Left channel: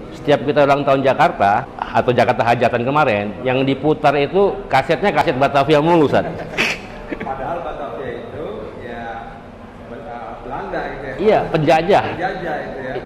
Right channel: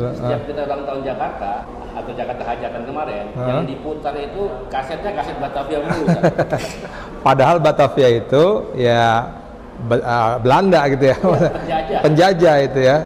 Setiap kita ulang tahun Jakarta atau Jakarta Hajatan kemarin, yang diputar itu kasetnya kaset Batavia mulu, Ustaz. Padahal Batavia itu ya Belanda gitu ya. Iya, penjajah. Penjajah itu ya.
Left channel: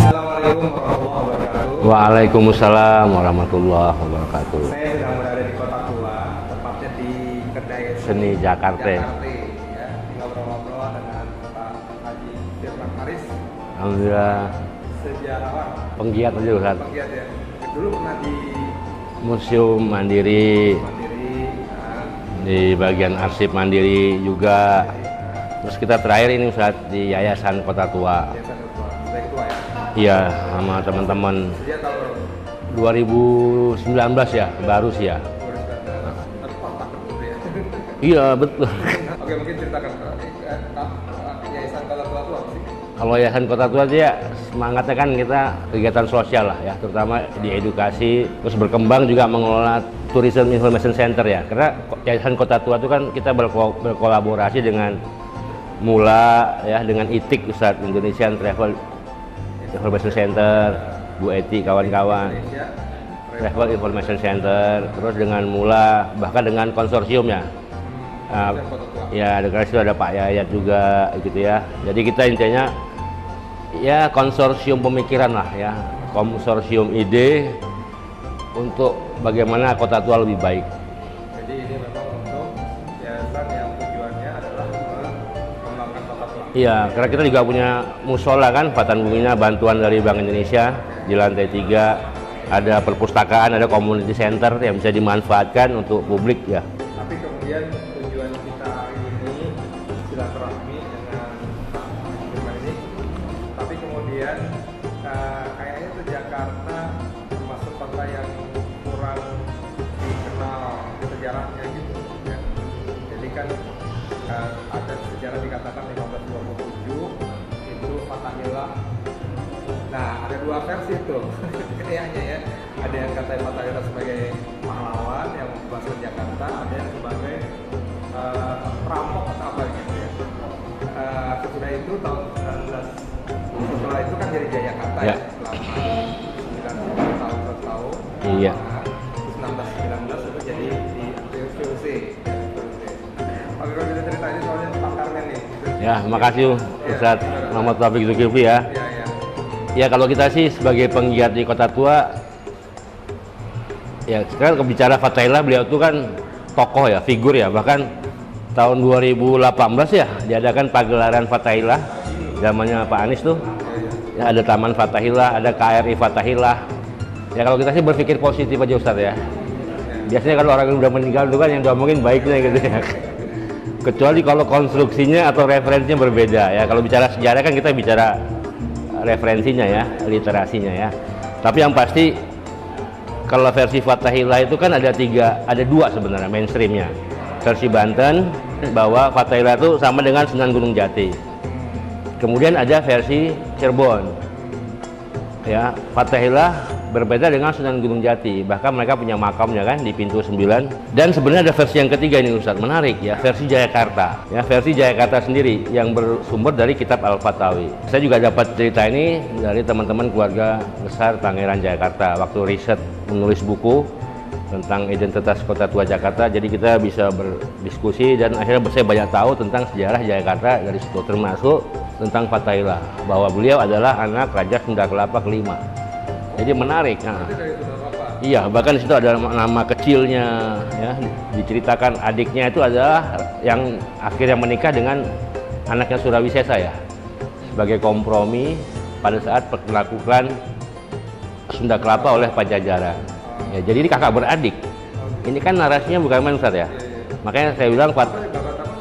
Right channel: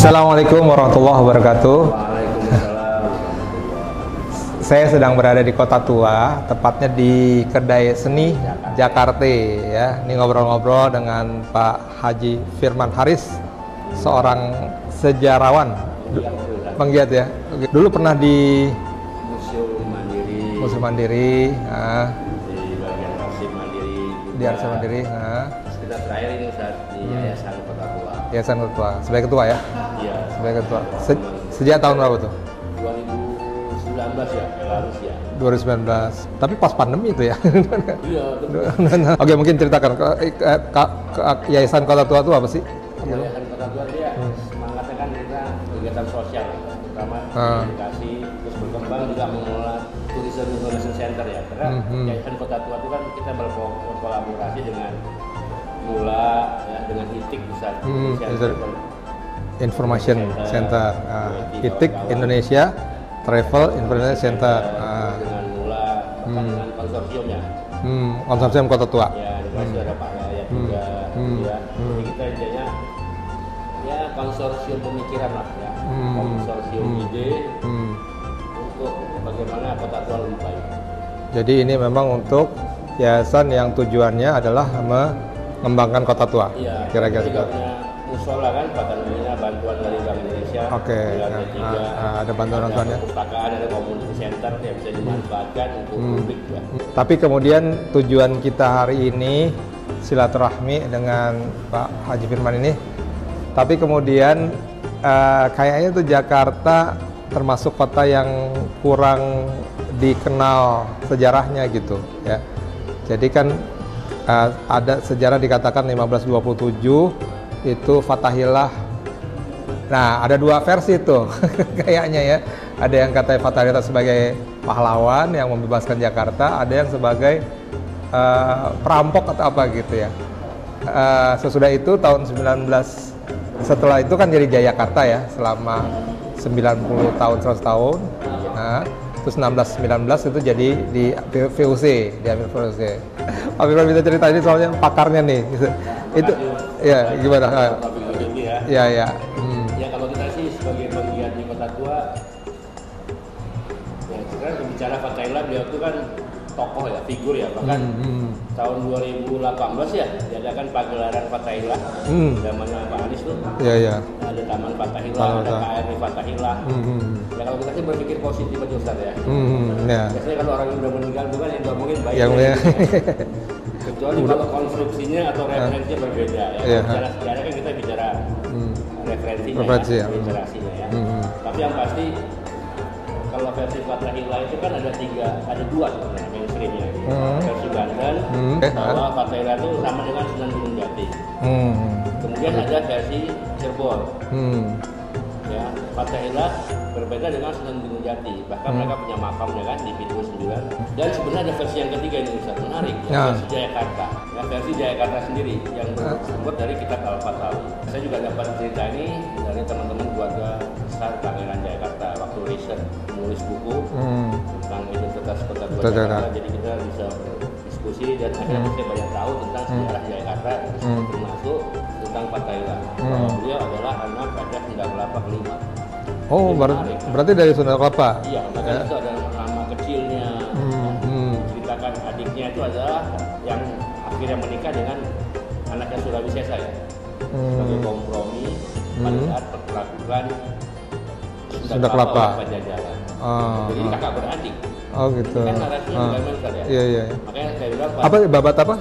Assalamualaikum warahmatullahi wabarakatuh. Waalaikumsalam warahmatullahi wabarakatuh. Saya sedang berada di Kota Tua, tepatnya di Kedai Seni Jakarta ya. Ini ngobrol-ngobrol dengan Pak Haji Firman Haris, seorang sejarawan, penggiat ya. Dulu pernah di Museum Mandiri, di bagian arsip Mandiri juga. Terus kita terakhir ini Ustaz di Yayasan Kota Tua. Yayasan Kota Tua, sebagai ketua ya? Iya, sama teman-teman. Sejak tahun berapa tuh? 2019 ya, baru sih ya. 2019. Tapi pas pandemi itu ya? Iya, betul. Oke, mungkin ceritakan Yayasan Kota Tua itu apa sih? Kalau Yayasan Kota Tua sih ya, semangatnya kan kita kegiatan sosial lah ya, terutama di edukasi, terus berkembang juga mengelola Tourism Information Center ya. Karena Yayasan Kota Tua itu kan kita berkolaborasi dengan Mula ya, dengan ITIC Ustaz, Indonesian Travel Information Center, UIT kawan-kawan. Indonesia Travel Information Center. Terus dengan Mula, bahkan dengan konsorsiumnya. Konsorsium Kota Tua. Ya, ada Pak Yayat juga gitu ya. Jadi kita intinya ya konsorsium pemikiran lah ya, konsorsium ide untuk bagaimana Kota Tua lebih baik. Jadi ini memang untuk yayasan yang tujuannya adalah mengembangkan Kota Tua. Iya, karena kita juga punya musola kan, Patan Bungina, bantuan dari Bank Indonesia. Di lantai 3 ada perpustakaan, ada community center yang bisa dimanfaatkan untuk publik ya. Tapi kemudian tujuan kita hari ini silaturahmi dengan Pak Haji Firman ini. Tapi kemudian kayaknya tuh Jakarta termasuk kota yang kurang dikenal sejarahnya gitu ya. Jadi kan ada sejarah dikatakan 1527 itu Fathahillah. Nah, ada dua versi tuh kayaknya ya. Ada yang katanya Fathahillah sebagai pahlawan yang membebaskan Jakarta, ada yang sebagai perampok atau apa gitu ya. Sesudah itu tahun 19 setelah itu kan jadi Jayakarta ya selama 90 tahun, 100 tahun. Iya. Nah, terus 1619 itu jadi di VOC, diambil VOC. Pak Firman bisa cerita ini soalnya pakarnya nih. Ya, makasih. Ya, gimana? Selamat Taufik Zulkifli ya. Iya, iya. Ya, kalau kita sih sebagai penggiat di Kota Tua, ya sekarang bicara Fathahillah, beliau itu kan tokoh ya, figur ya, bahkan tahun 2018 ya diadakan pagelaran Fathahillah, zamannya Pak Anies tuh. Iya, iya. Ada Taman Fathahillah, ada KRI Fathahillah. Ya kalau kita sih berpikir positif aja Ustaz ya. Biasanya kalau orang yang udah meninggal itu kan yang diomongin baiknya gitu ya. Kecuali kalau konstruksinya atau referensinya berbeda ya. Kalau bicara sejarah kan kita bicara referensinya ya, literasinya ya. Tapi yang pasti kalau versi Fathahillah itu kan ada dua sebenarnya mainstreamnya. Versi Banten bahwa Fathahillah itu sama dengan Sunan Gunung Jati. Kemudian ada versi Cirebon. Ya, Fathahillah berbeda dengan Sunan Gunung Jati, bahkan mereka punya makamnya kan di pintu 9. Dan sebenarnya ada versi yang ketiga ini Ustaz, menarik ya, versi Jayakarta. Ya, versi Jayakarta sendiri yang bersumber dari kitab Al-Fatawi. Saya juga dapat cerita ini dari teman-teman keluarga besar Pangeran Jayakarta waktu riset menulis buku tentang identitas Kota Tua Jakarta. Jadi kita bisa berdiskusi dan akhirnya saya banyak tahu tentang sejarah Jayakarta dari situ, termasuk tentang Fathahillah, bahwa beliau adalah anak Raja Sunda Kelapa kelima. Oh, jadi menarik. Berarti dari Sunda Kelapa? Iya, bahkan di situ ada nama kecilnya. Ya. Diceritakan adiknya itu adalah yang akhirnya menikah dengan anaknya Surawisesa ya, sebagai kompromi pada saat penaklukan Sunda Kelapa oleh Pajajaran. Ya, jadi ini kakak beradik. Oh, gitu. Ini kan narasinya bukan main Ustaz ya. Iya, iya. Makanya saya bilang apa babat apa?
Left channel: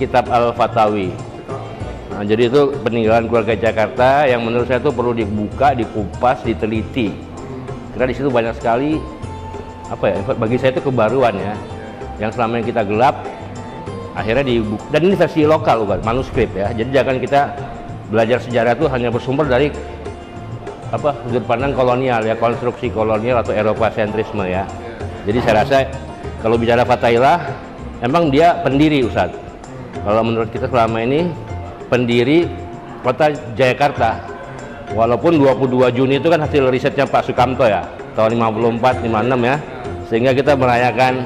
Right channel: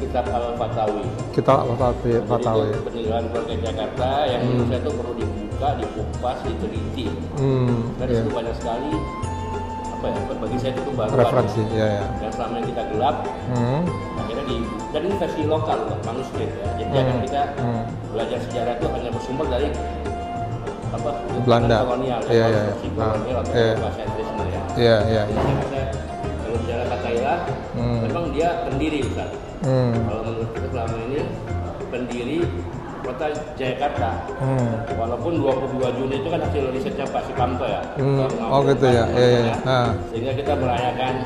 Kitab Al-Fatawi. Kitab Al-Fatawi. Nah, jadi itu peninggalan keluarga Jakarta yang menurut saya itu perlu dibuka, dikupas, diteliti. Karena di situ banyak sekali apa ya? Bagi saya itu kebaruan ya. Iya. Yang selama yang kita gelap, akhirnya dibuka. Dan ini versi lokal bukan manuskrip ya. Jadi jangan kita belajar sejarah itu hanya bersumber dari apa sudut pandang kolonial ya, konstruksi kolonial atau Eropa-sentrisme ya. Jadi saya rasa kalau bicara Fathahillah, emang dia pendiri Ustaz. Kalau menurut kita selama ini pendiri kota Jayakarta. Walaupun 22 Juni itu kan hasil risetnya Pak Sukamto ya, tahun 54, 56 ya. Sehingga kita merayakan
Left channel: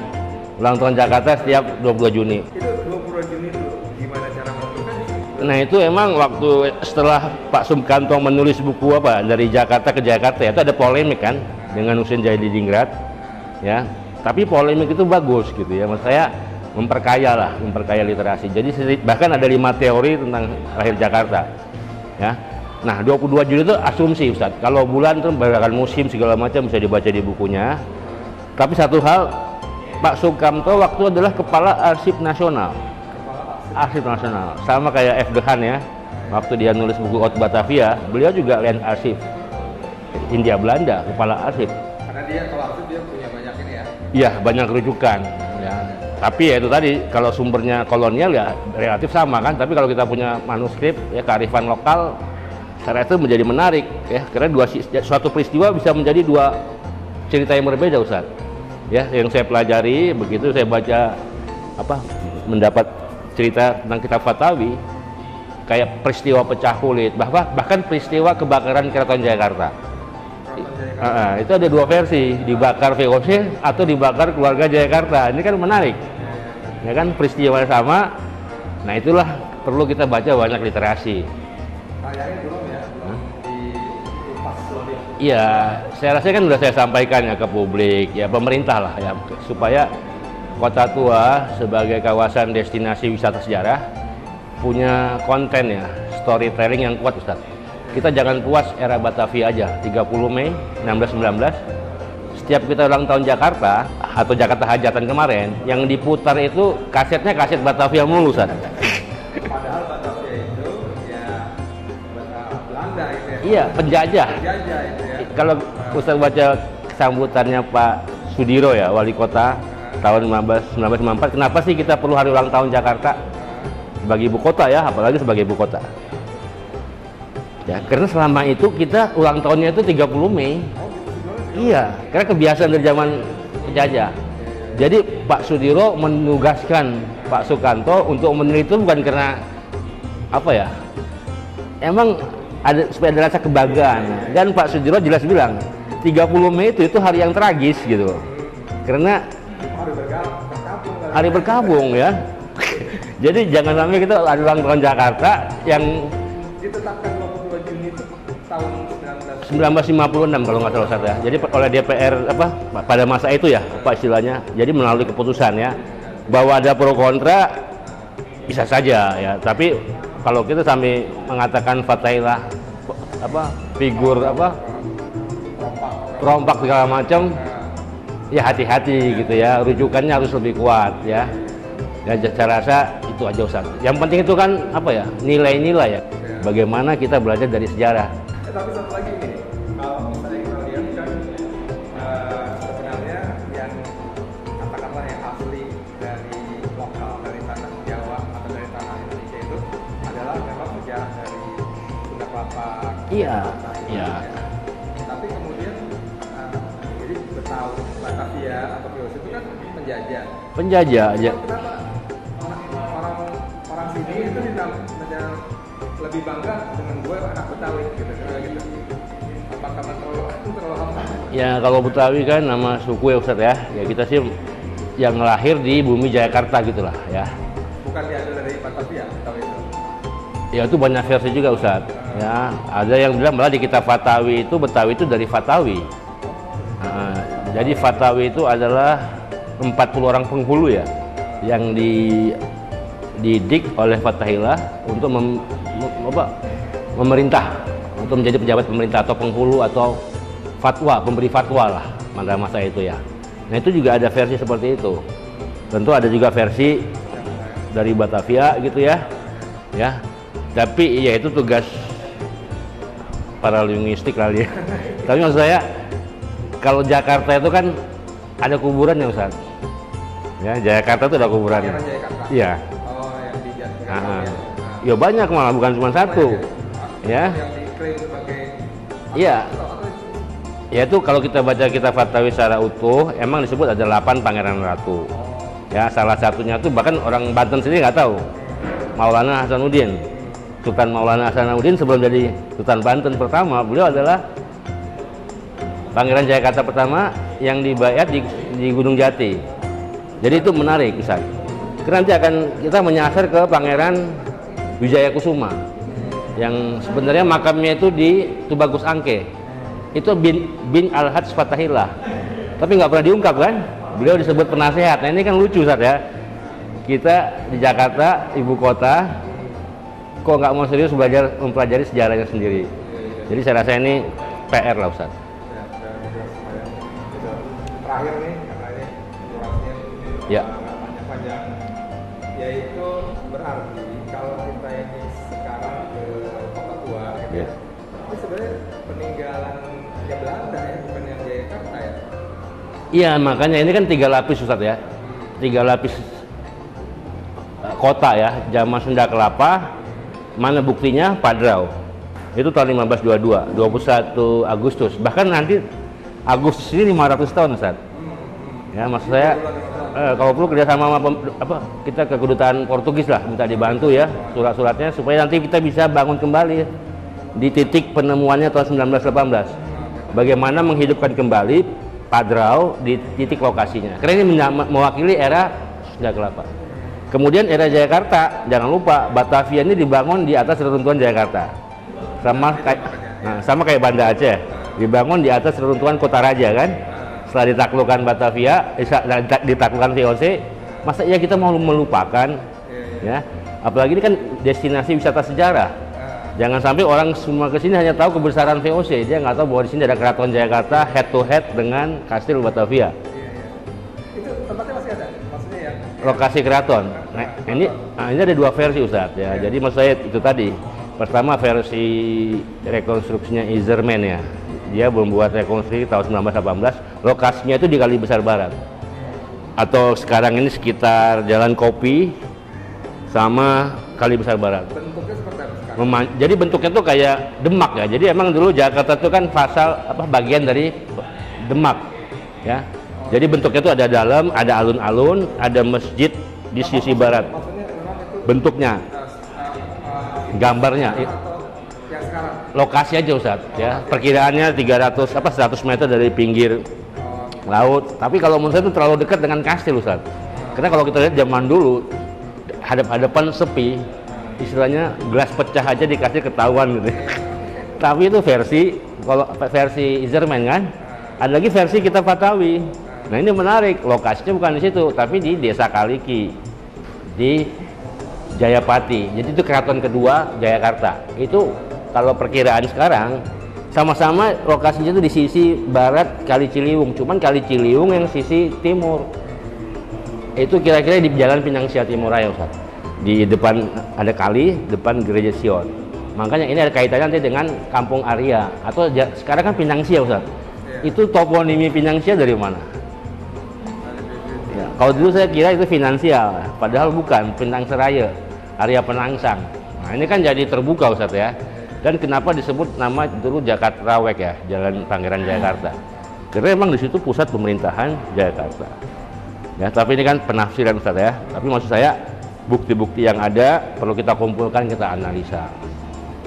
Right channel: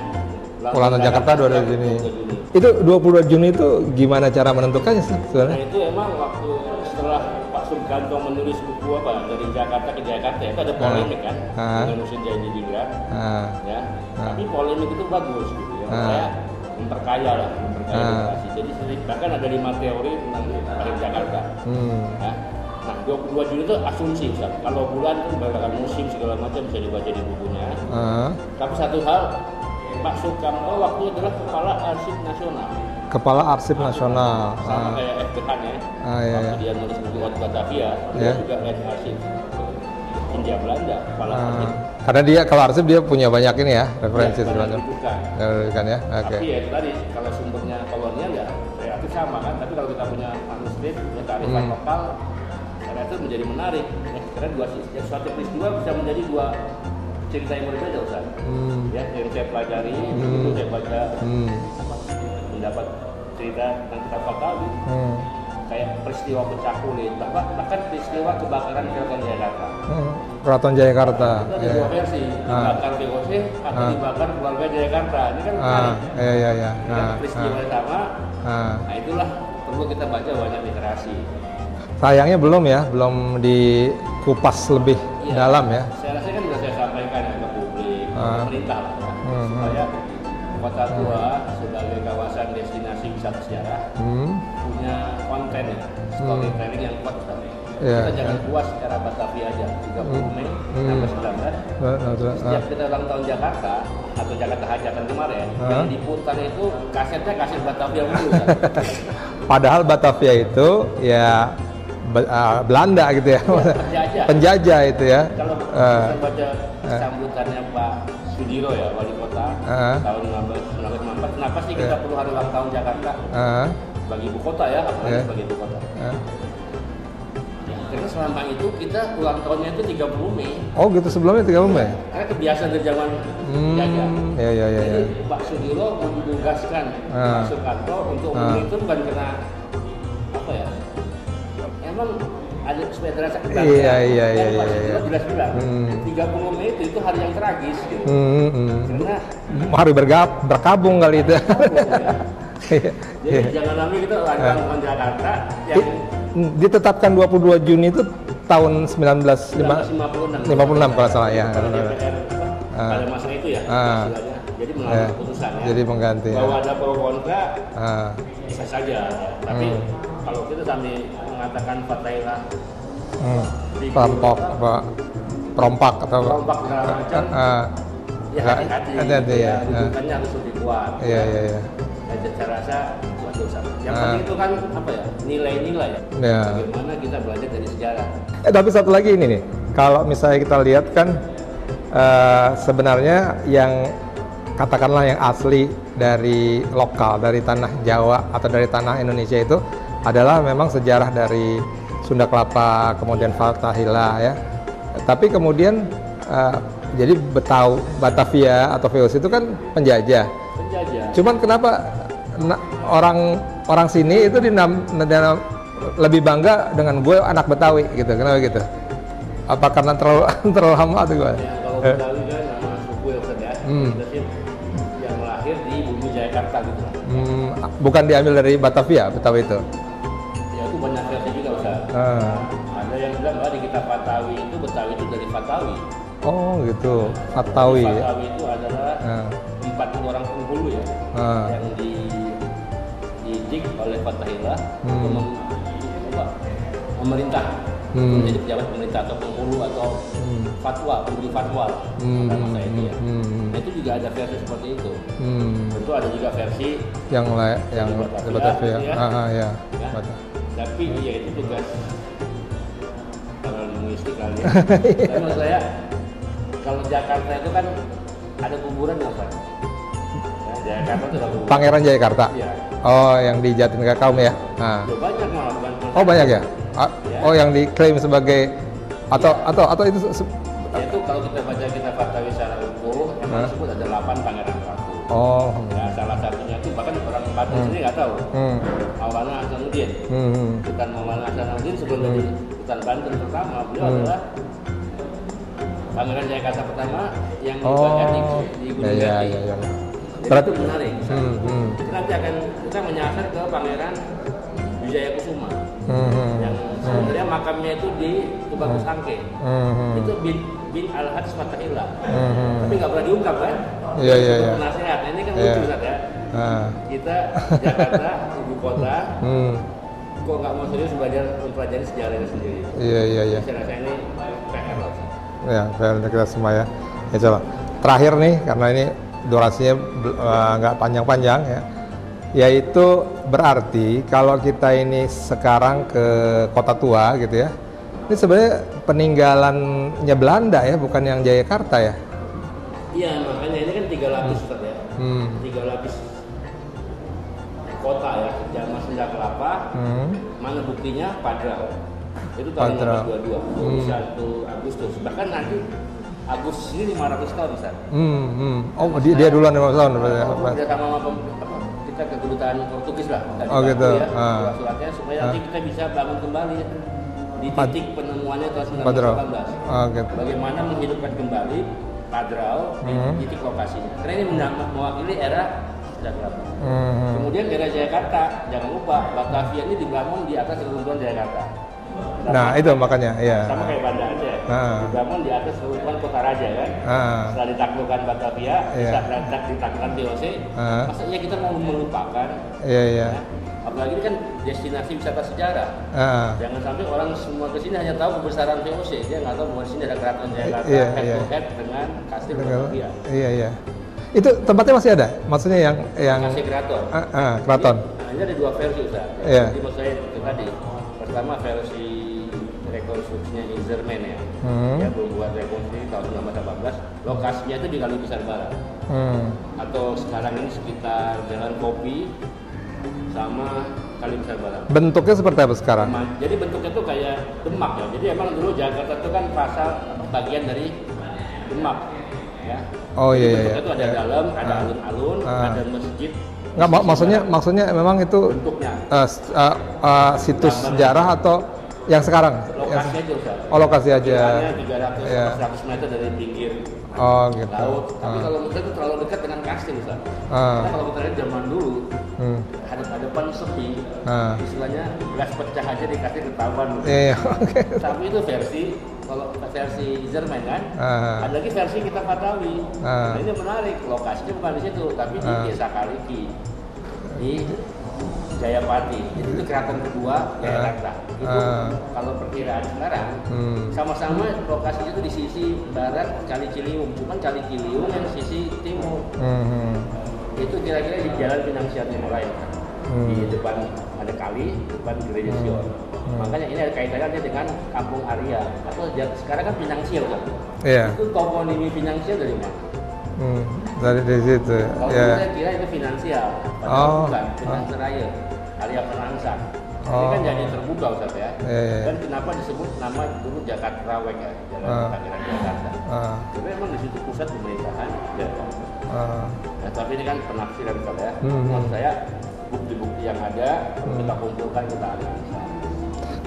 ulang tahun Jakarta setiap 22 Juni. Itu 22 Juni itu gimana cara menentukannya sih? Nah itu emang waktu setelah Pak Sukamto menulis buku apa dari Jakarta ke Jakarta ya, itu ada polemik kan dengan Husein Jadidingrat ya. Tapi polemik itu bagus gitu ya, menurut saya memperkaya literasi. Jadi bahkan ada 5 teori tentang lahir Jakarta ya. Nah 22 Juni itu asumsi Ustaz, kalau bulan itu berdasarkan musim segala macam bisa dibaca di bukunya. Tapi satu hal, Pak Sukamto waktu adalah Kepala Arsip Nasional. Kepala Arsip Nasional. Sama kayak F. Gehan ya. Waktu dia nulis buku Out Batavia, beliau juga Land Arsip India Belanda, Kepala Arsip. Karena dia kalau arsip dia punya banyak ini ya. Iya, banyak rujukan. Ya. Tapi ya itu tadi, kalau sumbernya kolonial ya relatif sama kan. Tapi kalau kita punya manuskrip ya kearifan lokal, cara itu menjadi menarik ya. Karena suatu peristiwa bisa menjadi 2 cerita yang berbeda Ustaz. Ya, yang saya pelajari begitu saya baca mendapat cerita tentang kitab Fatawi, kayak peristiwa pecah kulit, bahkan peristiwa kebakaran Keraton Jayakarta. Keraton Jayakarta. Itu ada 2 versi, dibakar VOC atau dibakar keluarga Jayakarta. Ini kan menarik. Ya kan peristiwa sama. Nah itulah perlu kita baca banyak literasi. Sayangnya belum dikupas lebih dalam ya. Saya rasa kan sudah saya sampaikan ya ke publik, ya pemerintah lah ya, supaya Kota Tua sebagai kawasan destinasi wisata sejarah punya konten ya, storytelling yang kuat Ustaz. Kita jangan puas era Batavia aja, 30 Mei 1919. Setiap kita ulang tahun Jakarta atau Jakarta Hajatan kemarin, yang diputar itu kasetnya kaset Batavia mulu Ustaz. Padahal Batavia itu ya Belanda gitu ya. Iya, penjajah. Penjajah itu ya. Kalau Ustaz baca sambutannya Pak Sudiro ya, wali kota tahun 1994, kenapa sih kita perlu hari ulang tahun Jakarta sebagai ibu kota ya, apalagi sebagai ibu kota. Ya, karena selama itu kita ulang tahunnya itu 30 Mei. Oh gitu, sebelumnya 30 Mei? Iya, karena kebiasaan dari zaman penjajah. Jadi Pak Sudiro menugaskan Pak Sukamto untuk meneliti bukan karena apa ya, emang ada supaya ada rasa kebanggaan. Dan Pak Sudiro jelas bilang 30 Mei itu hari yang tragis gitu. Karena hari berkabung kali hari berkabung ya. Jadi jangan sampai kita ada ulang tahun Jakarta yang ditetapkan 22 Juni itu tahun 1956 kalau salah. Jadi oleh DPR pada masa itu ya Pak istilahnya. Jadi melalui keputusan ya. Bahwa ada pro kontra bisa saja ya. Tapi kalau kita sampai mengatakan Fathahillah figur perompak segala macam, ya hati-hati gitu ya. Rujukannya harus lebih kuat ya. Ya saya rasa itu aja Ustaz. Yang penting itu kan nilai-nilai ya. Bagaimana kita belajar dari sejarah. Tapi satu lagi ini nih, kalau misalnya kita lihat kan sebenarnya yang katakanlah yang asli dari lokal, dari tanah Jawa atau dari tanah Indonesia itu adalah memang sejarah dari Sunda Kelapa, kemudian Fathahillah ya. Tapi kemudian jadi Batavia atau VOC itu kan penjajah. Cuman kenapa orang sini itu lebih bangga dengan gue anak Betawi gitu? Kenapa gitu? Apa karena terlalu lama tuh gue? Ya kalau Betawi kan nama suku ya Ustaz ya. Kita sih yang lahir di bumi Jayakarta gitulah ya. Bukan diambil dari Batavia, Betawi itu? Ya itu banyak versi juga Ustaz. Ya, ada yang bilang malah di kitab Fatawi itu Betawi itu dari Fatawi. Oh gitu. Jadi Fatawi itu adalah 40 orang penghulu ya, yang dididik oleh Fathahillah untuk memerintah, untuk menjadi pejabat pemerintah atau penghulu atau pemberi fatwa lah pada masa itu ya. Nah itu juga ada versi seperti itu. Tentu ada juga versi yang dari Batavia gitu ya. Ya. Tapi ya itu tugas para linguistik kali ya. Tapi maksud saya kalau Jakarta itu kan ada kuburan ya Ustaz. Ya, Jayakarta itu ada kuburan. Pangeran Jayakarta. Iya. Oh, yang di Jatinegara ya. Ya banyak malah, bukan cuma satu. Banyak ya? Oh, yang diklaim sebagai atau itu ya itu kalau kita baca kitab Fatawi secara utuh, emang disebut ada 8 pangeran ratu. Oh. Ya, salah satunya tuh bahkan orang Banten sendiri nggak tahu. Maulana Hasanuddin. Sultan Maulana Hasanuddin sebelum jadi Sultan Banten pertama, beliau adalah Pangeran Jayakarta pertama yang dibayat di Gunung Jati. Jadi itu menarik kisah. Nanti akan kita menyasar ke Pangeran Wijaya Kusuma. Yang sebenarnya makamnya itu di Tubagus Angke. Itu bin Al-Hajj Fatahillah. Tapi nggak pernah diungkap kan? Beliau disebut penasehat. Nah ini kan lucu Ustaz ya. Kita di Jakarta, ibu kota, kok nggak mau serius belajar mempelajari sejarahnya sendiri. Jadi saya rasa ini PR lah Ustaz. Ya, PR kita semua ya. Ya coba. Terakhir nih, karena ini durasinya nggak panjang-panjang ya. Yaitu berarti kalau kita ini sekarang ke Kota Tua gitu ya, ini sebenarnya peninggalannya Belanda ya, bukan yang Jayakarta ya? Iya, makanya ini kan 3 lapis Ustaz ya. 3 lapis kota ya, zaman Sunda Kelapa. Mana buktinya? Padrau. Itu tahun 1522, 21 Agustus. Bahkan nanti Agustus ini 500 tahun Ustaz. Ya, dia duluan 500 tahun. Kalau perlu kerjasama sama kita ke kedutaan Portugis lah, minta dibantu gitu. Ya surat-suratnya supaya nanti kita bisa bangun kembali di titik penemuannya tahun 1918. Gitu. Bagaimana menghidupkan kembali Padrau di titik lokasinya. Karena ini mewakili era Sunda Kelapa. Kemudian era Jayakarta, jangan lupa Batavia ini dibangun di atas reruntuhan Jayakarta. Sama itu makanya sama kayak Banda Aceh dibangun di atas reruntuhan Kota Raja kan. Setelah ditaklukkan Batavia, ditaklukkan VOC, masa iya kita mau melupakan ya? Apalagi ini kan destinasi wisata sejarah. Jangan sampai orang semua kesini hanya tahu kebesaran VOC, dia nggak tahu bahwa di sini ada Keraton Jayakarta head to head dengan Kastil Batavia. Itu tempatnya masih ada? Maksudnya yang lokasi keraton. Ini ada 2 versi Ustaz ya. Jadi maksud saya itu tadi. Pertama versi rekonstruksinya Izerman ya. Dia membuat rekonstruksi tahun 1918. Lokasinya itu di Kali Besar Barat. Atau sekarang ini sekitar Jalan Kopi sama Kali Besar Barat. Bentuknya seperti apa sekarang? Jadi bentuknya tuh kayak Demak ya. Jadi emang dulu Jakarta itu kan bagian dari Demak ya. Jadi bentuknya tuh ada dalam, ada alun-alun, ada masjid di sisi barat. Maksudnya memang itu bentuknya situs gambarnya sejarah atau yang sekarang? Lokasi aja Ustaz. Lokasi aja. Perkiraannya 100 meter dari pinggir gitu. laut. Tapi kalau menurut saya itu terlalu dekat dengan kastil Ustaz. Karena kalau kita lihat zaman dulu hadap-hadapan sepi, istilahnya gelas pecah aja di kastil ketahuan gitu. Tapi itu versi Izerman kan. Ada lagi versi kitab Fatawi. Nah ini menarik, lokasinya bukan di situ, tapi di Desa Kaliki, di Jayapati. Jadi itu keraton kedua Jayakarta. Itu kalau perkiraan sekarang sama-sama lokasinya itu di sisi barat Kali Ciliwung. Cuman Kali Ciliwung yang sisi timur. Itu kira-kira di Jalan Pinangsia Timur Raya Ustaz. Di depan ada kali, depan Gereja Sion. Makanya ini ada kaitannya nanti dengan Kampung Arya atau sekarang kan Pinangsia Ustaz. Itu toponimi Pinangsia dari mana? Dari situ. Kalau dulu saya kira itu finansial, padahal bukan, Pinang Seraya, Arya Penangsang. Nah, ini kan jadi terbuka Ustaz ya. Dan kenapa disebut nama dulu Jakarta Rawek ya, Jalan Pangeran Jayakarta. Karena memang di situ pusat pemerintahan Jayakarta. Ya, tapi ini kan penafsiran Ustaz ya. Tapi maksud saya bukti-bukti yang ada perlu kita kumpulkan, kita analisa.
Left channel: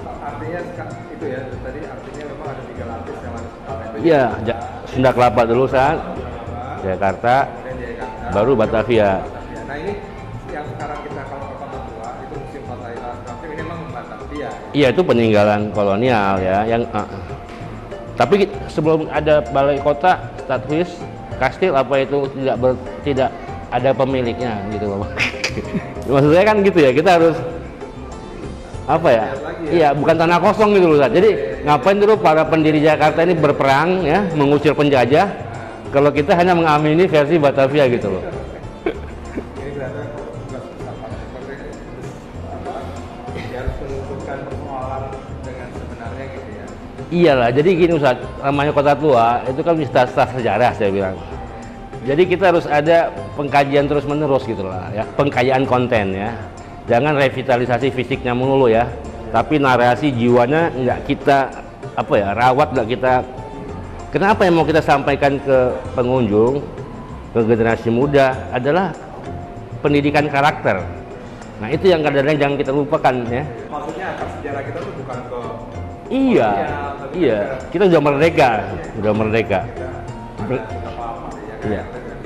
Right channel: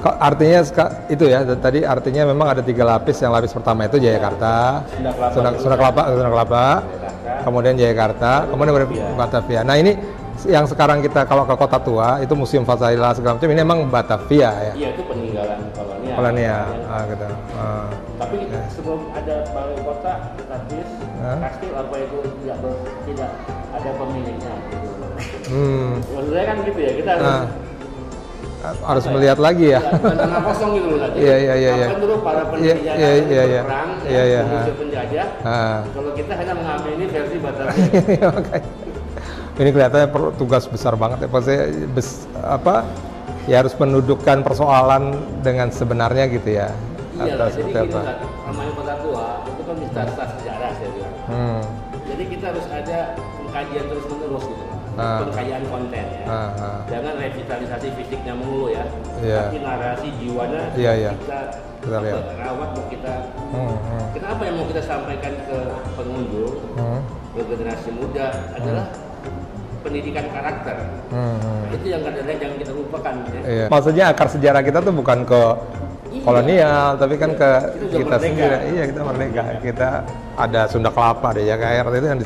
Artinya itu ya, tadi artinya memang ada 3 lapis. Yang lapis pertama itu Jayakarta, Sunda Kelapa dulu Sunda Kelapa, Jayakarta, kemudian Jayakarta, baru Batavia. Nah ini yang sekarang kita kalau ke Kota Tua itu Museum Fatahillah segala macam, ini memang Batavia ya. Iya, itu peninggalan kolonial ya. Tapi sebelum ada balai kota status kastil apa itu tidak ada pemiliknya gitu loh. Maksud saya kan gitu ya, kita harus harus melihat lagi ya. Iya, bukan tanah kosong gitu loh. Jadi ngapain dulu para pendiri Jakarta ini berperang ya, mengusir penjajah. Kalau kita hanya mengamini versi Batavia gitu. Ini kelihatannya tugas besar banget ya. Pasti ya harus mendudukkan persoalan dengan sebenarnya gitu ya. Iyalah, jadi gini Ustaz, namanya Kota Tua itu kan wisata sejarah saya bilang. Jadi kita harus ada pengkajian terus-menerus gitu lah, ya. Pengkayaan konten ya. Jangan revitalisasi fisiknya melulu ya, tapi narasi jiwanya kita rawat nggak kita. Kenapa yang mau kita sampaikan ke pengunjung, ke generasi muda adalah pendidikan karakter. Nah itu yang kadang-kadang jangan kita lupakan ya. Maksudnya akar sejarah kita tuh bukan ke kolonial, tapi kan ke kita sudah merdeka. Kita sudah merdeka. Kita ada Sunda Kelapa, ada Jakarta itu yang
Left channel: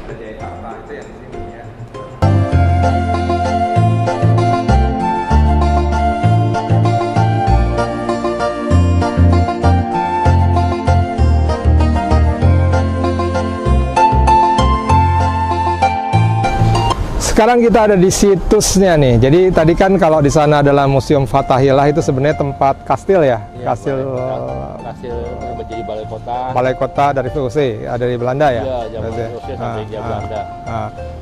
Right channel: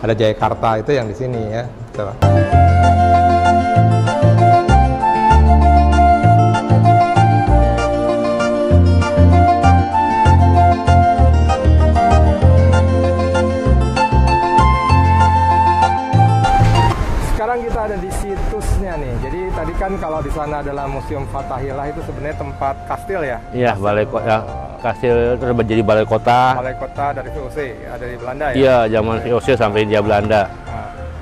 ada Jayakarta itu yang di sini ya. Betul. Sekarang kita ada di situsnya nih. Jadi tadi kan kalau di sana adalah Museum Fathahillah itu sebenarnya tempat kastil ya? Iya, balai kota. Kastil itu jadi balai kota. Balai kota dari VOC, dari Belanda ya? Iya, zaman VOC sampai dia Belanda.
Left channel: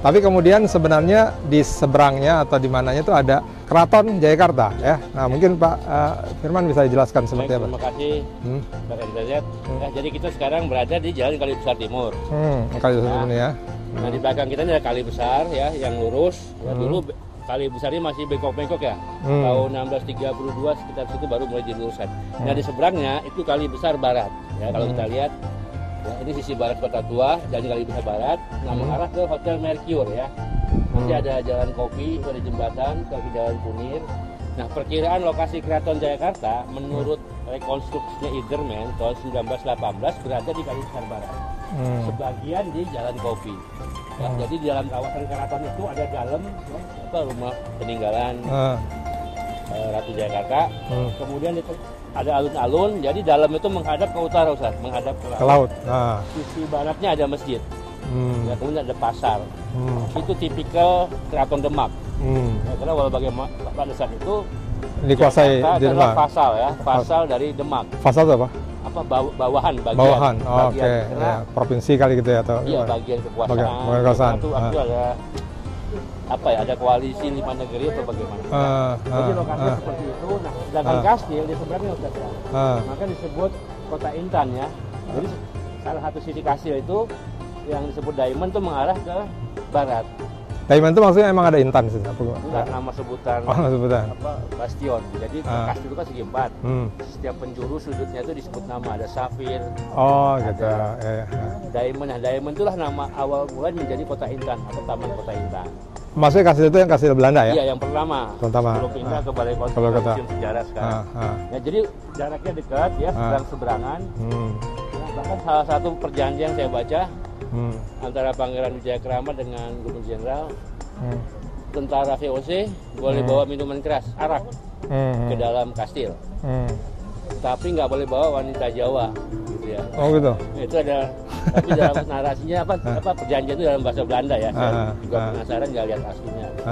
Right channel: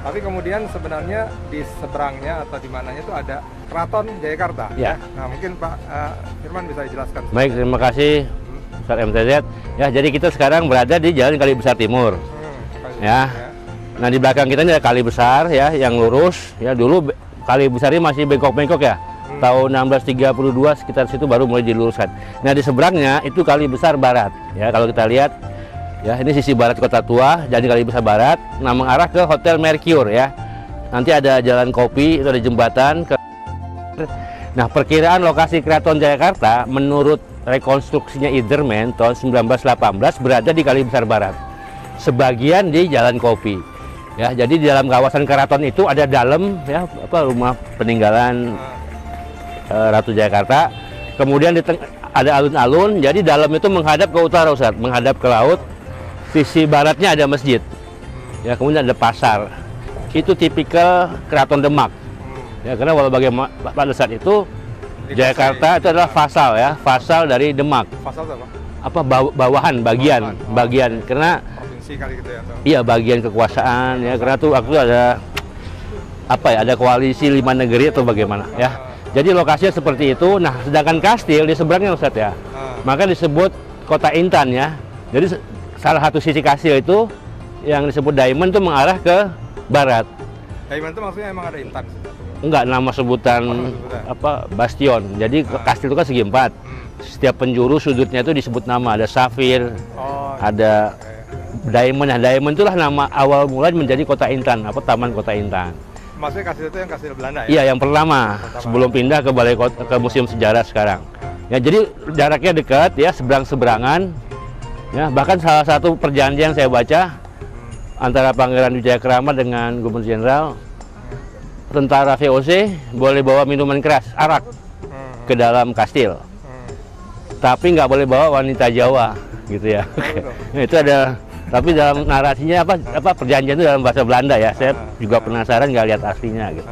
Tapi kemudian sebenarnya di seberangnya atau di mananya itu ada Keraton Jayakarta ya. Nah mungkin Pak Firman bisa dijelaskan. Baik, terima kasih Ustaz MTZ. Ya, jadi kita sekarang berada di Jalan Kali Besar Timur. Kali Besar ya. Nah di belakang kita ini ada kali besar ya yang lurus ya, dulu kali besar ini masih bengkok-bengkok ya. Tahun 1632 sekitar situ baru mulai diluruskan. Nah di seberangnya itu kali besar barat ya, kalau kita lihat ya, ini sisi barat Kota Tua, jadi kali besar barat. Nah mengarah ke Hotel Mercure ya. Nanti ada jalan kopi, itu ada jembatan ke Jalan Kunir. Nah perkiraan lokasi Keraton Jayakarta menurut rekonstruksinya Iderman tahun 1918 berada di kali besar barat. Sebagian di Jalan Kopi. Ya, jadi di dalam kawasan keraton itu ada dalam ya rumah peninggalan Ratu Jayakarta. Kemudian ada alun-alun, jadi dalam itu menghadap ke utara Ustaz, menghadap ke laut. Sisi baratnya ada masjid. Ya, kemudian ada pasar. Itu tipikal Keraton Demak. Ya, karena walau bagaimana pada saat itu Jakarta itu adalah fasal ya, fasal dari Demak. Fasal itu apa? Bawahan, bagian, okay. Karena provinsi kali gitu ya atau bagian kekuasaan ya, karena tuh waktu ada ada koalisi 5 negeri atau bagaimana ya. Jadi lokasinya seperti itu. Nah sedangkan kastil di seberangnya Ustaz ya, maka disebut Kota Intan ya. Jadi salah satu sisi kastil itu yang disebut Diamond itu mengarah ke barat. Diamond itu maksudnya emang ada intan sih? Enggak, nama sebutan bastion. Jadi kastil itu kan segi 4. Setiap penjuru sudutnya itu disebut nama. Ada safir, ada diamond. Nah, diamond itulah nama awal mula menjadi Kota Intan, Taman Kota Intan. Maksudnya kastil itu yang kastil Belanda ya? Iya, yang pertama. Sebelum pindah ke Balai Kota, ke Museum Sejarah sekarang. Ya, jadi jaraknya dekat ya, seberang-seberangan. Ya, bahkan salah satu perjanjian saya baca antara Pangeran Wijaya Krama dengan Gubernur Jenderal, tentara VOC boleh bawa minuman keras, arak, ke dalam kastil, tapi nggak boleh bawa wanita Jawa, gitu ya. Gitu. Nah, itu ada, tapi dalam narasinya perjanjian itu dalam bahasa Belanda ya. Saya juga penasaran nggak lihat aslinya, gitu.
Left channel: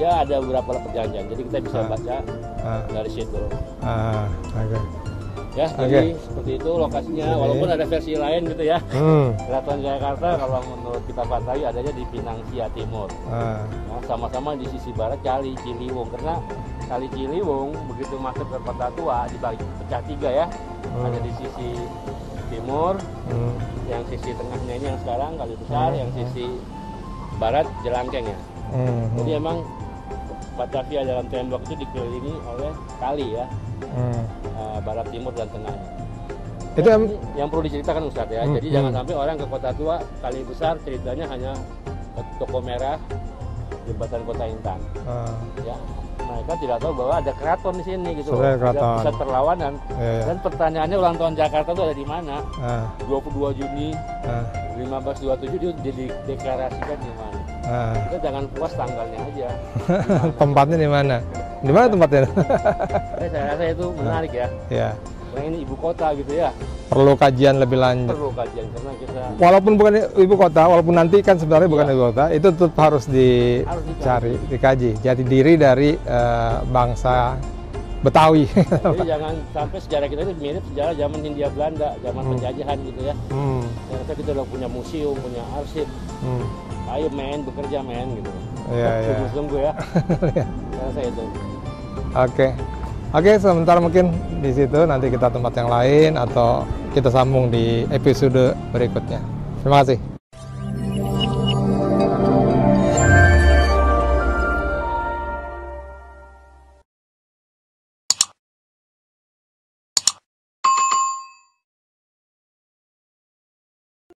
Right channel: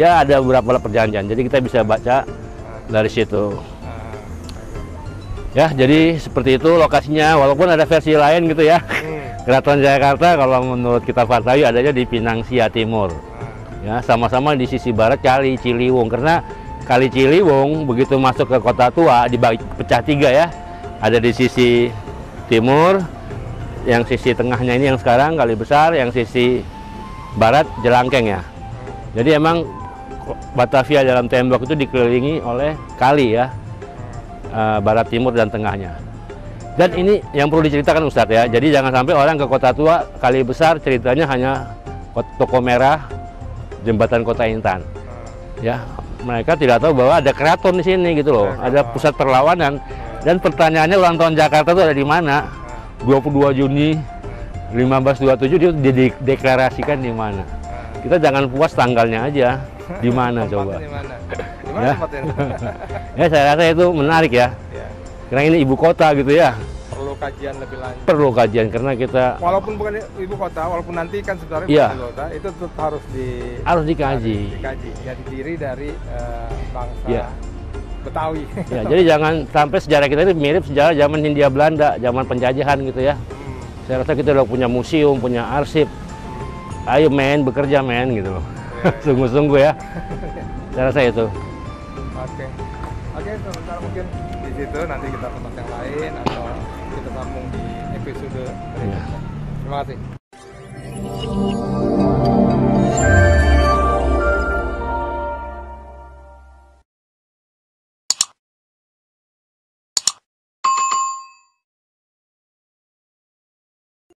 Ya ada beberapa perjanjian, jadi kita bisa baca dari situ. Ya, jadi seperti itu lokasinya, walaupun ada versi lain gitu ya. Keraton Jayakarta kalau menurut kita Partawi adanya di Pinang Sia Timur. Ya, sama-sama di sisi barat Kali Ciliwung, karena Kali Ciliwung begitu masuk ke Kota Tua dibagi pecah 3 ya. Ada di sisi timur, yang sisi tengahnya ini yang sekarang Kali Besar, yang sisi barat Jelangkeng ya. Jadi emang Batavia dalam tembok itu dikelilingi oleh kali ya. Barat, timur, dan tengahnya. Dan ini yang perlu diceritakan Ustadz ya. Jadi jangan sampai orang ke Kota Tua, Kali Besar ceritanya hanya Toko Merah, Jembatan Kota Intan. Ya, mereka tidak tahu bahwa ada keraton di sini gitu loh. Ada pusat perlawanan. Dan pertanyaannya ulang tahun Jakarta itu ada di mana? 22 Juni 1527 itu dideklarasikan di mana? Kita jangan puas tanggalnya aja. Di mana? Tempatnya di mana? Di mana tempatnya? Ya saya rasa itu menarik ya. Karena ini ibu kota gitu ya. Perlu kajian lebih lanjut. Perlu kajian karena kita walaupun bukan ibu kota, walaupun nanti kan sebenarnya bukan ibu kota, itu tetap harus dikaji. Jadi diri dari bangsa Betawi. Ya, jadi jangan sampai sejarah kita ini mirip sejarah zaman Hindia Belanda, zaman penjajahan gitu ya. Saya rasa kita udah punya museum, punya arsip. Ayo men, bekerja men gitu loh. Sungguh-sungguh ya. Saya rasa itu. Oke, sebentar mungkin di situ, nanti kita tempat yang lain atau kita sambung di episode berikutnya. Terima kasih.